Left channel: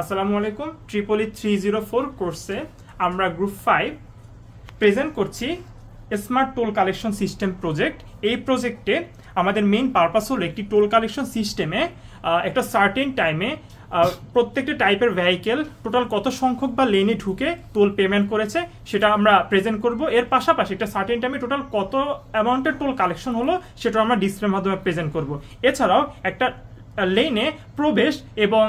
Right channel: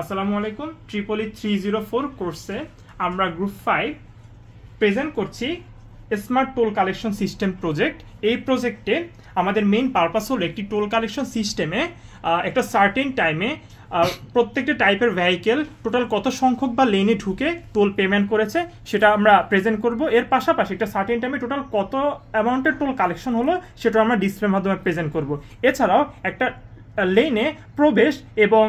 আসসালামু আলাইকুম। ট্রিপলি 304 কোর্সে আমরা গ্রুপ 5 প্রেজেন্ট করছি smart toll collection system project. এই প্রজেক্টে আমাদের মেইন পারপাস হলো একটি টোল কালেকশন সিস্টেমে একটা সার্টেন টাইমে প্রত্যেকটা টাইপের ভেহিকেল টোটাল কত সংখ্যক বা লেনে ঢুকে টোল পেমেন্ট করেছে সেটা আমরা প্রেজেন্ট করব। এর পাশাপাশি একটা সার্টেন টাইমে টোটাল কত অ্যামাউন্টের টোল কালেকশন হলো সেটা আমরা ডিসপ্লের মাধ্যমে প্রেজেন্ট করব। এছাড়াও একটা লেনে প্রবেশ এবং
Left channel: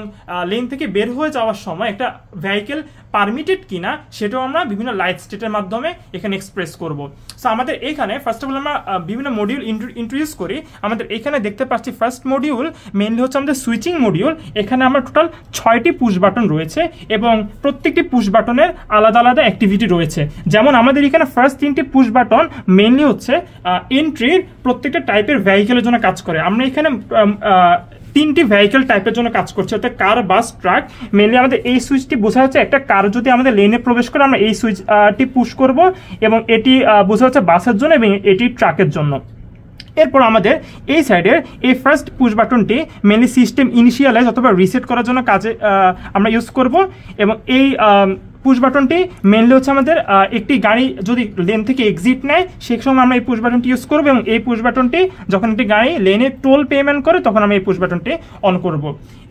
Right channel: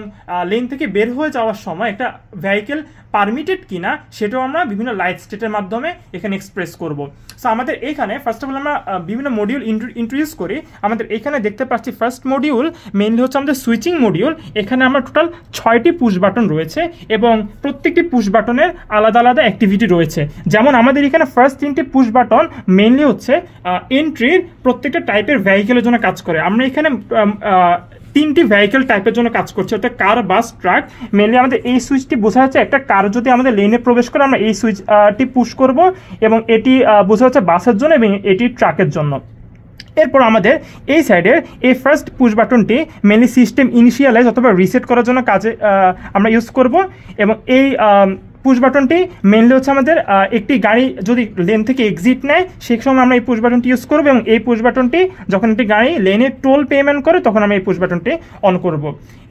লেন থেকে বের হয়ে যাওয়ার সময় একটা ভেহিকেল পারমিটেড কিনা সেটাও আমরা বিভিন্ন লাইট স্টেটের মাধ্যমে এখানে এক্সপ্রেস করব। সো আমাদের এখানে ফার্স্ট অফ অল আমরা বিভিন্ন মডিউল ইন্ট্রোডিউস করি। আমাদের এখানে দেখতে পাচ্ছি ফার্স্ট মডিউল মেইনলি হচ্ছে আমাদের সুইচিং মডিউল। এখানে আমরা টোটাল 6টি পুশ বাটন রয়েছে এবং প্রত্যেকটি পুশ বাটনের আলাদা আলাদা অ্যাক্টিভিটি রয়েছে। যেমন আমাদের এখানে ফার্স্ট 3টি পুশ বাটন মেইনলি হচ্ছে এন্ট্রির প্রত্যেকটা টাইপের ভেহিকেলের জন্য কাজ করে। আমরা এখানে 3টি ভেহিকেল টাইপের জন্য কাজ করছে, অর্থাৎ কার, বাস, ট্রাক। মেনলি আমাদের এই সুইচটি বোঝা যাচ্ছে একটা কার যদি আমাদের লেনে প্রবেশ করে আমরা এই সুইচটি পুশ করব এবং এটি বোঝা হচ্ছে বাসের জন্য এবং এটি ট্রাকের জন্য। এরপর আমাদের এই সাইডের এই ফার্স্ট পুশ বাটনটি মেনলি সিস্টেম ইনিশিয়ালাইজ অথবা রিসেট করার জন্য কাজে আমরা ইউজ করব এবং এই পুশ বাটনটি মেনলি হচ্ছে আমাদের একটি গাড়ি যদি লেন থেকে এক্সিট নেয় সেই সময় আমরা এই পুশ বাটনটি ইউজ করবো এবং এই পুশ বাটনটি যখন একটি গাড়ি লেনে টোল পেমেন্ট করে তখন আমরা এই পুশ বাটনটি অন করব।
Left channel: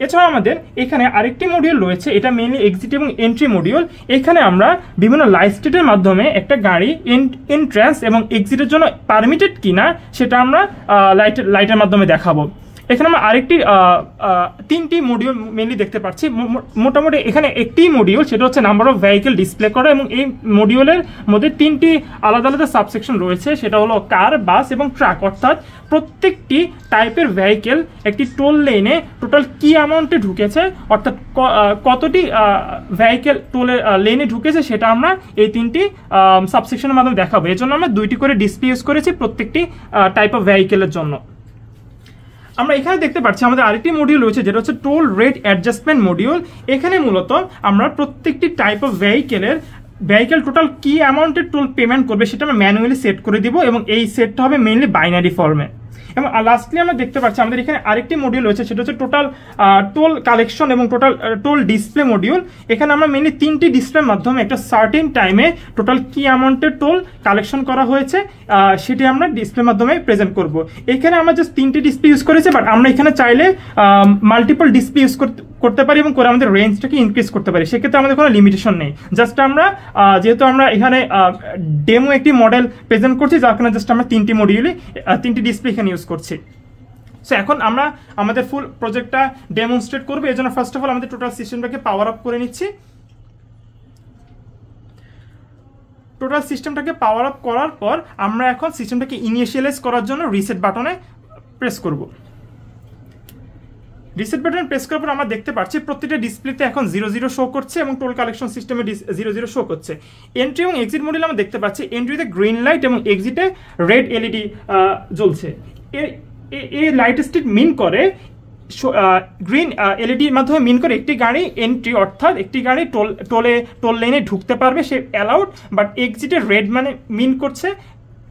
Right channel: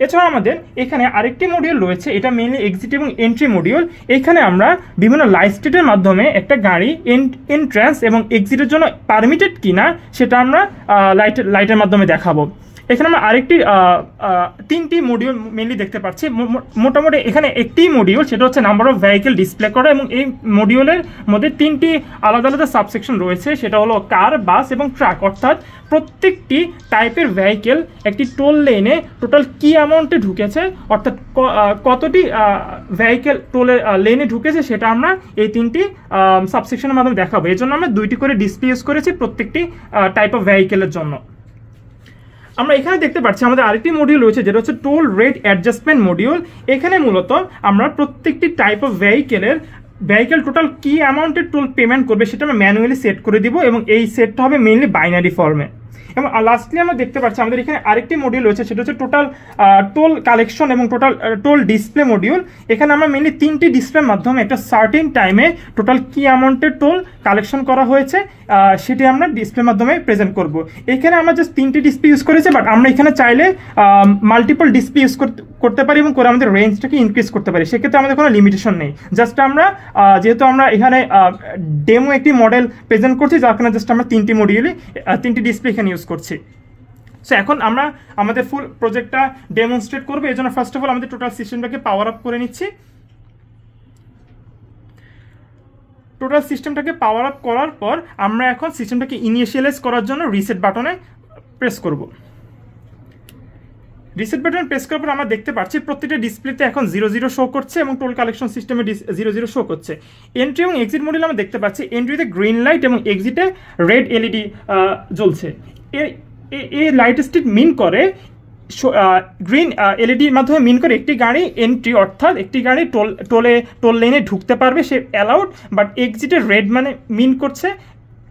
এছাড়াও আমাদের এখানে আরেকটি মডিউল রয়েছে, এটা মেনলি এক্সিট এবং এন্ট্রি মডিউল। এখানে আমরা বিভিন্ন লাইট স্টেটের মাধ্যমে একটা গাড়ি এন্ট্রান্স এবং এক্সিটের জন্য পারমিটেড কিনা সেটা আমরা লাইটের মাধ্যমে দেখাবো। এখানে আমরা আরেকটি 3টি মডিউল মেনলি দেখতে পাচ্ছি। মোটামুটি এখানে একটি মডিউল সেটা হচ্ছে নাম্বার অফ ভেহিকেল ডিসপ্লে করা এবং এই মডিউলের মধ্যে 3টি আলাদা আলাদা সাবসেকশন রয়েছে, সেটা হলো কার, বাস এবং ট্রাক। অর্থাৎ প্রত্যেকটি টাইপের ভেহিকেল একটি টোল লেনে টোটাল কি অ্যামাউন্টে ঢুকেছে, অর্থাৎ কতটি ভেহিকেল টোল লেনে ঢুকেছে সেটা আমরা এই 3টি সাবসেকশনের মাধ্যমে দেখাবো। এই জন্য আমরা 2টি করে ডিসপ্লে ইউজ করেছি প্রত্যেকটি টাইপ অফ ভেহিকেলের জন্য। আমরা এখানে দেখতে পাচ্ছি আমাদের আরেকটি মডিউল রয়েছে যেটা হচ্ছে টোল রেট অ্যাডজাস্টমেন্ট মডিউল। এখানে মূলত আমরা প্রত্যেকটি টাইপ অফ ভেহিকেল টোটাল কি অ্যামাউন্টের টোল পেমেন্ট করবে সেটা আমরা ম্যানুয়ালি সেট করে দিব এবং এই সেটটা হবে মেইনলি বাইনারি ফর্মে। এবং লাস্টলি আমরা দেখতে পাচ্ছি আমাদের এখানে আরেকটি মডিউল রয়েছে সেটা হচ্ছে টোটাল টোল কালেকশন এবং টোটাল টোল ডিসপ্লে মডিউল। এখানে আমরা মেইনলি 3টি ডিসপ্লের মাধ্যমে একটা সার্টেন টাইমে টোটাল কি অ্যামাউন্টের টোল কালেকশন করা হয়েছে সেটি আমরা ডিসপ্লের মাধ্যমে প্রেজেন্ট করব। এখানে আমরা জাস্ট 3টি ডিসপ্লে ইউজ করেছি, বাট আমরা এখানে চাইলে মাল্টিপল ডিসপ্লে ইউজ করতে পারি এবং করে আমাদের রেঞ্জটাকে ইনক্রিজ করতে পারি। সেক্ষেত্রে আমাদের কোনো লিমিটেশন নেই। জাস্ট আমরা যেহেতু আমরা এখানে ডেমো একটি মডেল প্রেজেন্ট করছি যার কারণে জাস্ট আমরা 3টি ডিসপ্লে এখানে ইউজ করছি। সো এখন আমরা আমাদের ফুল প্রজেক্টটা ডেমনস্ট্রেট করবো। এই জন্য ফার্স্ট অফ অল আমাদের টোটাল সিস্টেমটাকে পাওয়ার আপ করে নিচ্ছি। টোটাল সিস্টেমটাকে পাওয়ার আপ করার পর আমরা এখন সিস্টেমটাকে ইনিশিয়ালাইজ করার জন্য রিসেট বাটনে প্রেস করব। রিসেট বাটনে প্রেস করার পর আমরা দেখতে পাচ্ছি প্রত্যেকটা ডিসপ্লেতে এখন 00 শো করছে এবং টোল কালেকশন সিস্টেমে 00 শো করছে। এন্ট্রি এবং এক্সিট মডিউল আমরা দেখতে পাচ্ছি এন্ট্রিতে গ্রিন লাইট এবং এক্সিটে রেড এলইডি জ্বলছে। এই লাইট স্টেট মিন করে গ্রিন এলইডির মাধ্যমে মিন করে একটি গাড়ি এন্ট্রি, অর্থাৎ একটি গাড়ি টোল লেনে ঢুকতে পারবে, সে অ্যালাউড। বাট এক্সিটের রেড মানে মিন করছে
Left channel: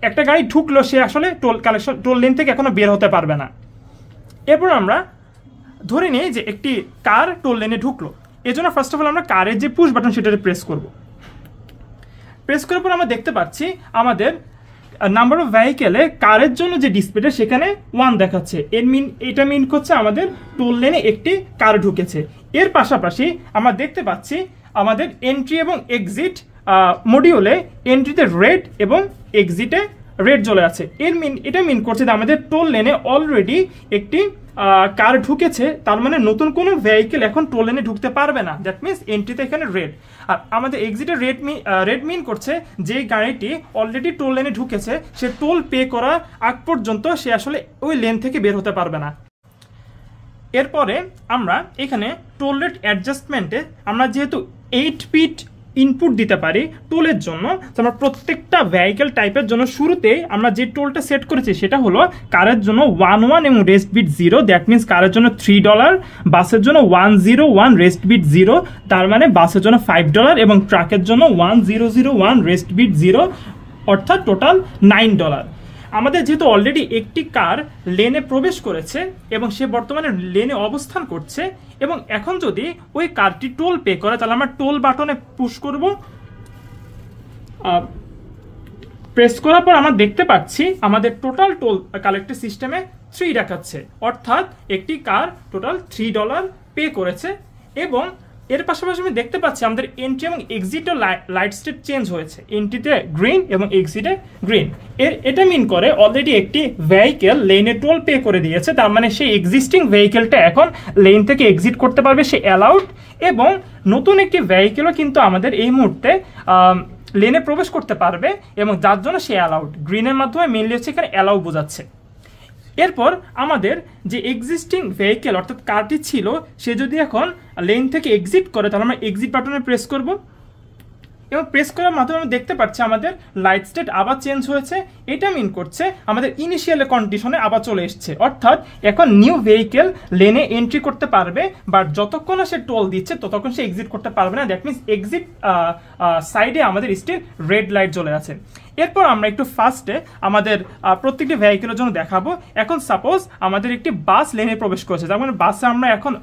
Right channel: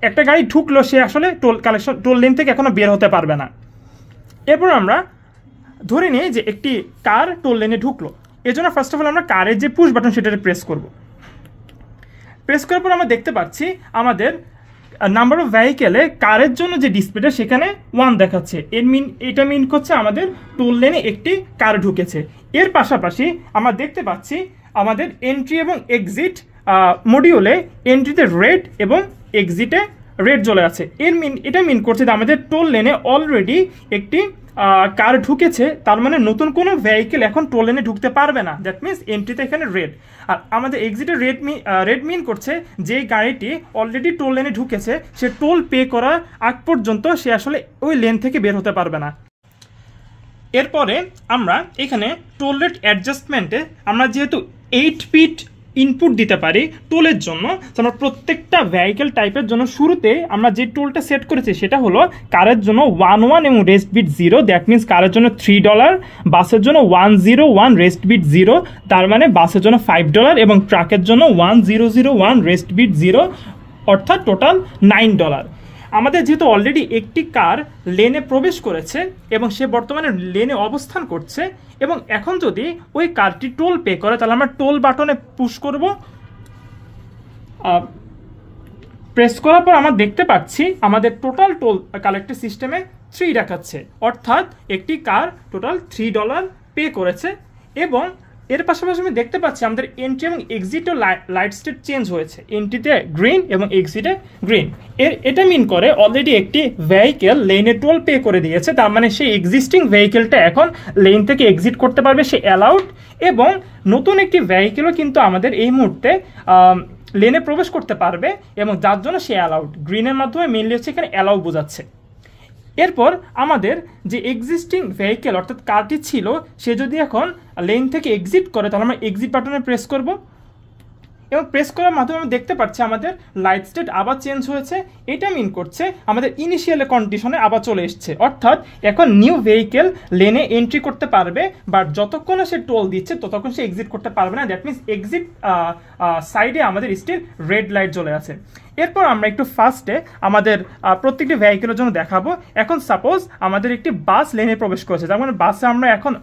একটা গাড়ি ঢুকলো, সে আসলে টোল লেন থেকে এখনো বের হতে পারবে না। এরপর আমরা ধরে নিই যে একটি কার টোল লেনে ঢুকলো। এই জন্য ফার্স্ট অফ অল আমরা কারের যে পুশ বাটন সেটাতে প্রেস করব। প্রেস করার পর আমরা দেখতে পাচ্ছি আমাদের নাম্বার অফ ভেহিকেলে কারের জন্য যে ডিসপ্লেটা সেখানে 1 দেখাচ্ছে। এটা মিন করছে আমাদের টোল লেনে একটি কার ঢুকেছে। এর পাশাপাশি আমরা দেখতে পাচ্ছি আমাদের এন্ট্রি এবং এক্সিট মডিউলে এন্ট্রিতে রেড এবং এক্সিটে রেড জ্বলে আছে। এটা মিন করছে যে আমাদের টোল লেনে অলরেডি একটি কার ঢুকেছে, তার মানে নতুন কোনো ভেহিকেল এখন টোল লেনে ঢুকতে পারবে না। দ্যাট মিনস এন্ট্রিতে এখানে রেড, আর আমাদের এক্সিটে রেড মিন করছে যে গাড়িটি অলরেডি টোল লেনে ঢুকেছে সে টোল পে করার আগ পর্যন্ত সে আসলে ওই লেন থেকে বের হতে পারবে না। এরপরে আমরা এখানে টোল রেট অ্যাডজাস্টমেন্টে আমরা যেহেতু 8 ফিট ইনপুট দিতে পারি টোলের জন্য, আমরা প্রত্যেকটা ভেহিকেল টাইপের জন্য শুরুতে আমরা যে টোলটা সেট করেছি সেটা হলো কারের জন্য 11 এবং রেস্ট বিট 0। দ্যাট মিনস কারের জন্য $3, বাসের জন্য 101 রেস্ট বিট 0, তার মানে বাসের জন্য $5 এবং ট্রাকের জন্য 1001 রেস্ট বিট 0, অর্থাৎ টোটাল $9। আমাদের যেহেতু অলরেডি একটি কার লেনে প্রবেশ করেছে এবং সে বর্তমানে লেনে অবস্থান করছে, এবং এখন যদি ওই কারটি টোল পে করে তাহলে আমরা টোল বাটনে পুশ করব। প্রেস করার পর আমরা দেখতে পাচ্ছি আমাদের টোটাল টোল কালেক্টেড সিস্টেমে 3 দেখাচ্ছে, অর্থাৎ একটি কার টোটাল $3 পে করেছে। এবং এর পাশাপাশি আমি দেখতে পাচ্ছি আমাদের এন্ট্রি এবং এক্সিটে লাইট স্টেট চেঞ্জ হয়েছে, এন্ট্রিতে গ্রিন এবং এক্সিটে গ্রিন। এটা মিন করে অলরেডি একটি ভেহিকেল লেনে টোল পে করে দিয়েছে, তার মানে সেই এক্সিস্টিং ভেহিকেলটা এখন লেন থেকে এক্সিট করতে পারবে, সে অ্যালাউড। এবং নতুন একটি ভেহিকেলও কিন্তু আমাদের এই মুহূর্তে লেনে প্রবেশ করতে পারবে, এবং যার জন্য সে অ্যালাউড। গ্রিনের মাধ্যমে মেনলি হচ্ছে এখানে অ্যালাউ বোঝাচ্ছে। এরপর আমাদের যে এক্সিস্টিং ভেহিকেল অর্থাৎ কারটি ছিল, সে যদি এখন লেন থেকে এক্সিট করে তাহলে আমরা এক্সিট বাটনে প্রেস করব, এবং প্রেস করার মাধ্যমে আমরা দেখতে পাচ্ছি আমাদের লাইট স্টেট আবার চেঞ্জ হয়েছে। এটা মিন করছে আমাদের ইনিশিয়াল কন্ডিশনে আবার চলে এসছে, অর্থাৎ এখন নিউ ভেহিকেল লেনে এন্ট্রি করতে পারবে, বাট যতক্ষণ সে টোল দিচ্ছে ততক্ষণ সে এক্সিট করতে পারবে না। দ্যাট মিনস এক্সিট সাইডে আমাদের স্টিল রেড লাইট জ্বলে আছে। এরপর আমরা একটু ফার্স্টে আমাদের প্রত্যেকটি ভেহিকেলের জন্য দেখাবো। এখন সাপোজ আমাদের একটি বাস লেনে প্রবেশ করেছে, যেমন বাসে আমরা এখন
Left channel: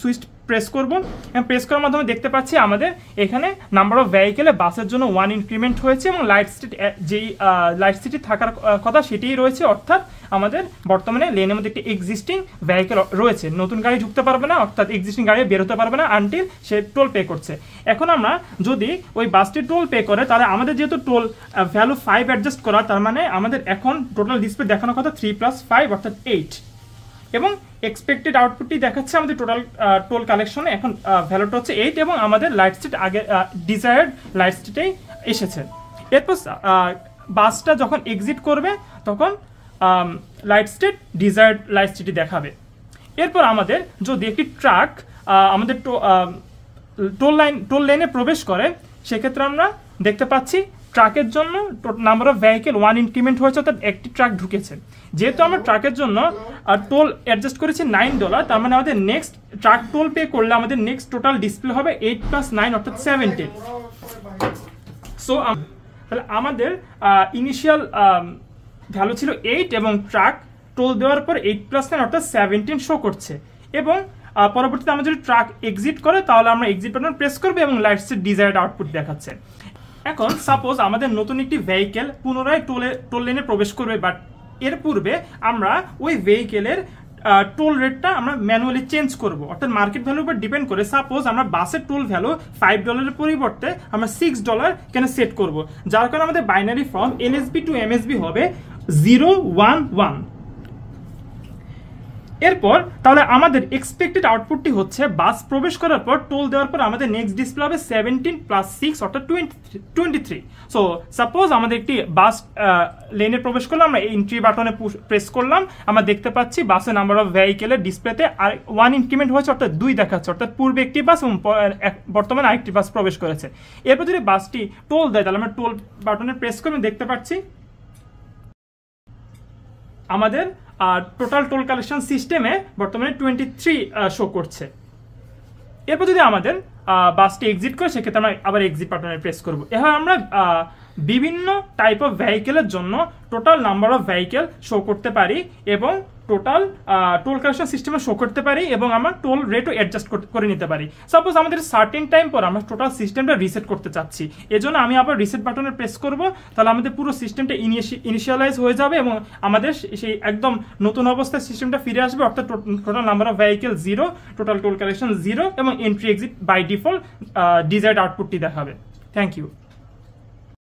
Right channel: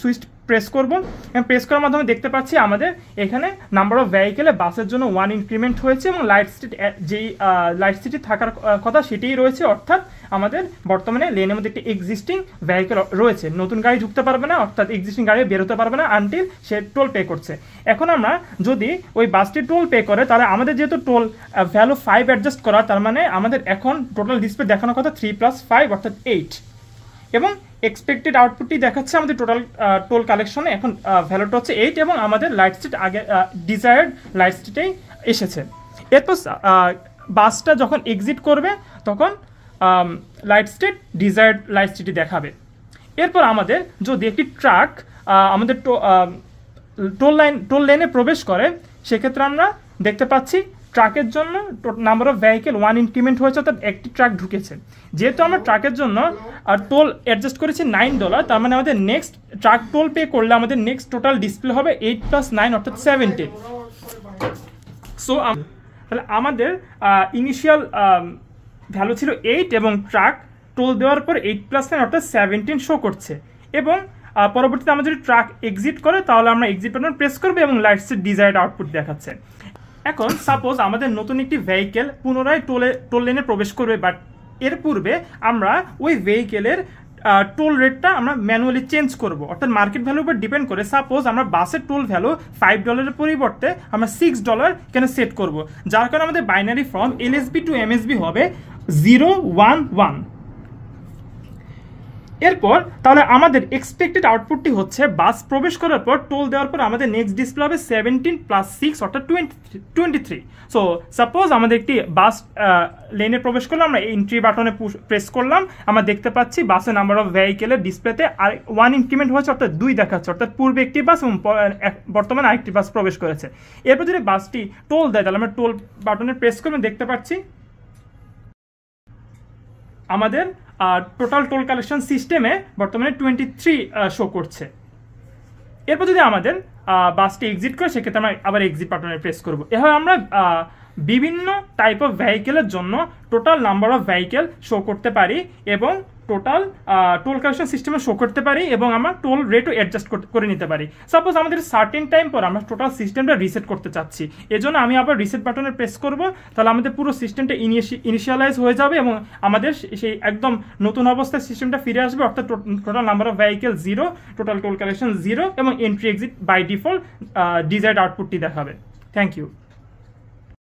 সুইচ প্রেস করব, এবং প্রেস করার মাধ্যমে দেখতে পাচ্ছি আমাদের এখানে নাম্বার অফ ভেহিকেলে বাসের জন্য 1 ইনক্রিমেন্ট হয়েছে, এবং লাইট স্টেট যেই লাইট স্টেটে থাকার কথা সেটাই রয়েছে, অর্থাৎ আমাদের বর্তমানে লেনের মধ্যে একটি এক্সিস্টিং ভেহিকেল রয়েছে, নতুন গাড়ি ঢুকতে পারবে না, অর্থাৎ এক্সিস্টিং গাড়ি বেরোতে পারবে না আনটিল সে টোল পে করছে। এখন আমরা যদি ওই বাসটি টোল পে করে, তাহলে আমাদের যেহেতু টোল ভ্যালু 5 অ্যাডজাস্ট করা, তার মানে আমাদের এখন টোটাল ডিসপ্লে দেখানোর কথা 3 + 5 অর্থাৎ 8, এবং এক্সপেক্টেড আউটপুটটি দেখাচ্ছে আমাদের টোটাল টোল কালেকশনে এখন ভ্যালুটা হচ্ছে 8, এবং আমাদের লাইট স্টেট আগে ডিজায়ার্ড লাইট স্টেটেই এসেছে। এরপর বাসটা যখন এক্সিট করবে তখন লাইট স্টেট ডিজায়ার্ড লাইট স্টেটই দেখাবে। এরপর আমাদের যদি একটি ট্রাক আমাদের টোল লেনে প্রবেশ করে, সেক্ষেত্রে আমরা দেখতে পাচ্ছি ট্রাকের জন্য নাম্বার অফ ভেহিকেল 1 ইনক্রিমেন্ট হয়েছে, অর্থাৎ একটি ট্রাক ঢুকেছে। যেহেতু আমরা ট্রাকের জন্য টোল অ্যাডজাস্ট করেছি $9, তার মানে আমাদের নেক্সট ট্রাক টোল পে করলে আমাদের নেক্সট টোটাল ডিসপ্লে হবে 8 + 9 অর্থাৎ 17। সো তাহলে আমাদের ইনিশিয়াল ভ্যালু ছিল 8, এবং ট্রাক টোল দেওয়ার পর 8 + 9 অর্থাৎ 17 শো করছে। এবং পরবর্তীতে আমরা যদি ট্রাক এক্সিট করে তাহলে আমরা এক্সিট বাটন প্রেস করবো, এবং লাইট স্টেট ডিজায়ার্ড আউটপুট দেখাচ্ছে। এখন সাপোজ আমাদের নতুন একটি ভেহিকেল পুনরায় টোল লেনে প্রবেশ করবে, বাট এর পূর্বে আমরা ওই ভেহিকেলের টোল রেটটা আমরা ম্যানুয়ালি চেঞ্জ করব, অর্থাৎ মার্কেট ভ্যালুর উপর ডিপেন্ড করে। সাপোজ আমরা বাসের টোল ভ্যালু $5 পরিবর্তে আমরা $6 এখানে সেট করব, যার কারণে আমাদের binary from LSB to MSB হবে 011। এরপর তাহলে আমাদের এক্সপেক্টেড আউটপুটটি হচ্ছে বাস প্রবেশ করার পর টোল দেওয়ার পর আমাদের নেক্সট ডিসপ্লে হবে 17 + 6 অর্থাৎ 23। সো সাপোজ আমাদের একটি বাস লেনে প্রবেশ করলাম, আমরা এন্ট্রি বাটনে প্রেস করলাম, আমরা দেখতে পাচ্ছি বাসের নাম্বার অফ ভেহিকেলের ডিসপ্লেতে 1 ইনক্রিমেন্ট হয়েছে, অর্থাৎ 2 দেখাচ্ছে, অর্থাৎ পূর্বে একটি বাস এবং বর্তমানে আরেকটি বাস প্রবেশ করেছে। এরপর যদি বাসটি টোল দেয় তাহলে আমরা টোল বাটনে প্রেস করে দেখতে পাচ্ছি আমাদের টোটাল টোল কালেকশন সিস্টেমে বর্তমানে 23 শো করছে। এরপর যদি আমাদের বাসটি এক্সিট করে, সেক্ষেত্রে আমরা আবার এক্সিট বাটনে প্রেস করব। এভাবে আমরা বিভিন্ন টাইপ অফ ভেহিকেলের জন্য total number of vehicle show করতে পারি, এবং টোটাল টোল কালেকশন সিস্টেমে শো করতে পারি, এবং আমরা টোল রেটও অ্যাডজাস্ট করে নিতে পারি। সাপোজ আমাদের সার্টেন টাইম পর আমরা টোটাল সিস্টেমটা রিসেট করতে চাচ্ছি, এজন্য আমি আবার রিসেট বাটনে প্রেস করব, তাহলে আমাদের পুরো সিস্টেমটা ইনিশিয়ালাইজ হয়ে যাবে, এবং আমাদের সেই একদম নতুন অবস্থায় সিস্টেমটা ফিরে আসবে, অর্থাৎ total number of vehicle 0, total toll collection 0, এবং entry exit by default desired আউটপুটটি দেখাবে। Thank you.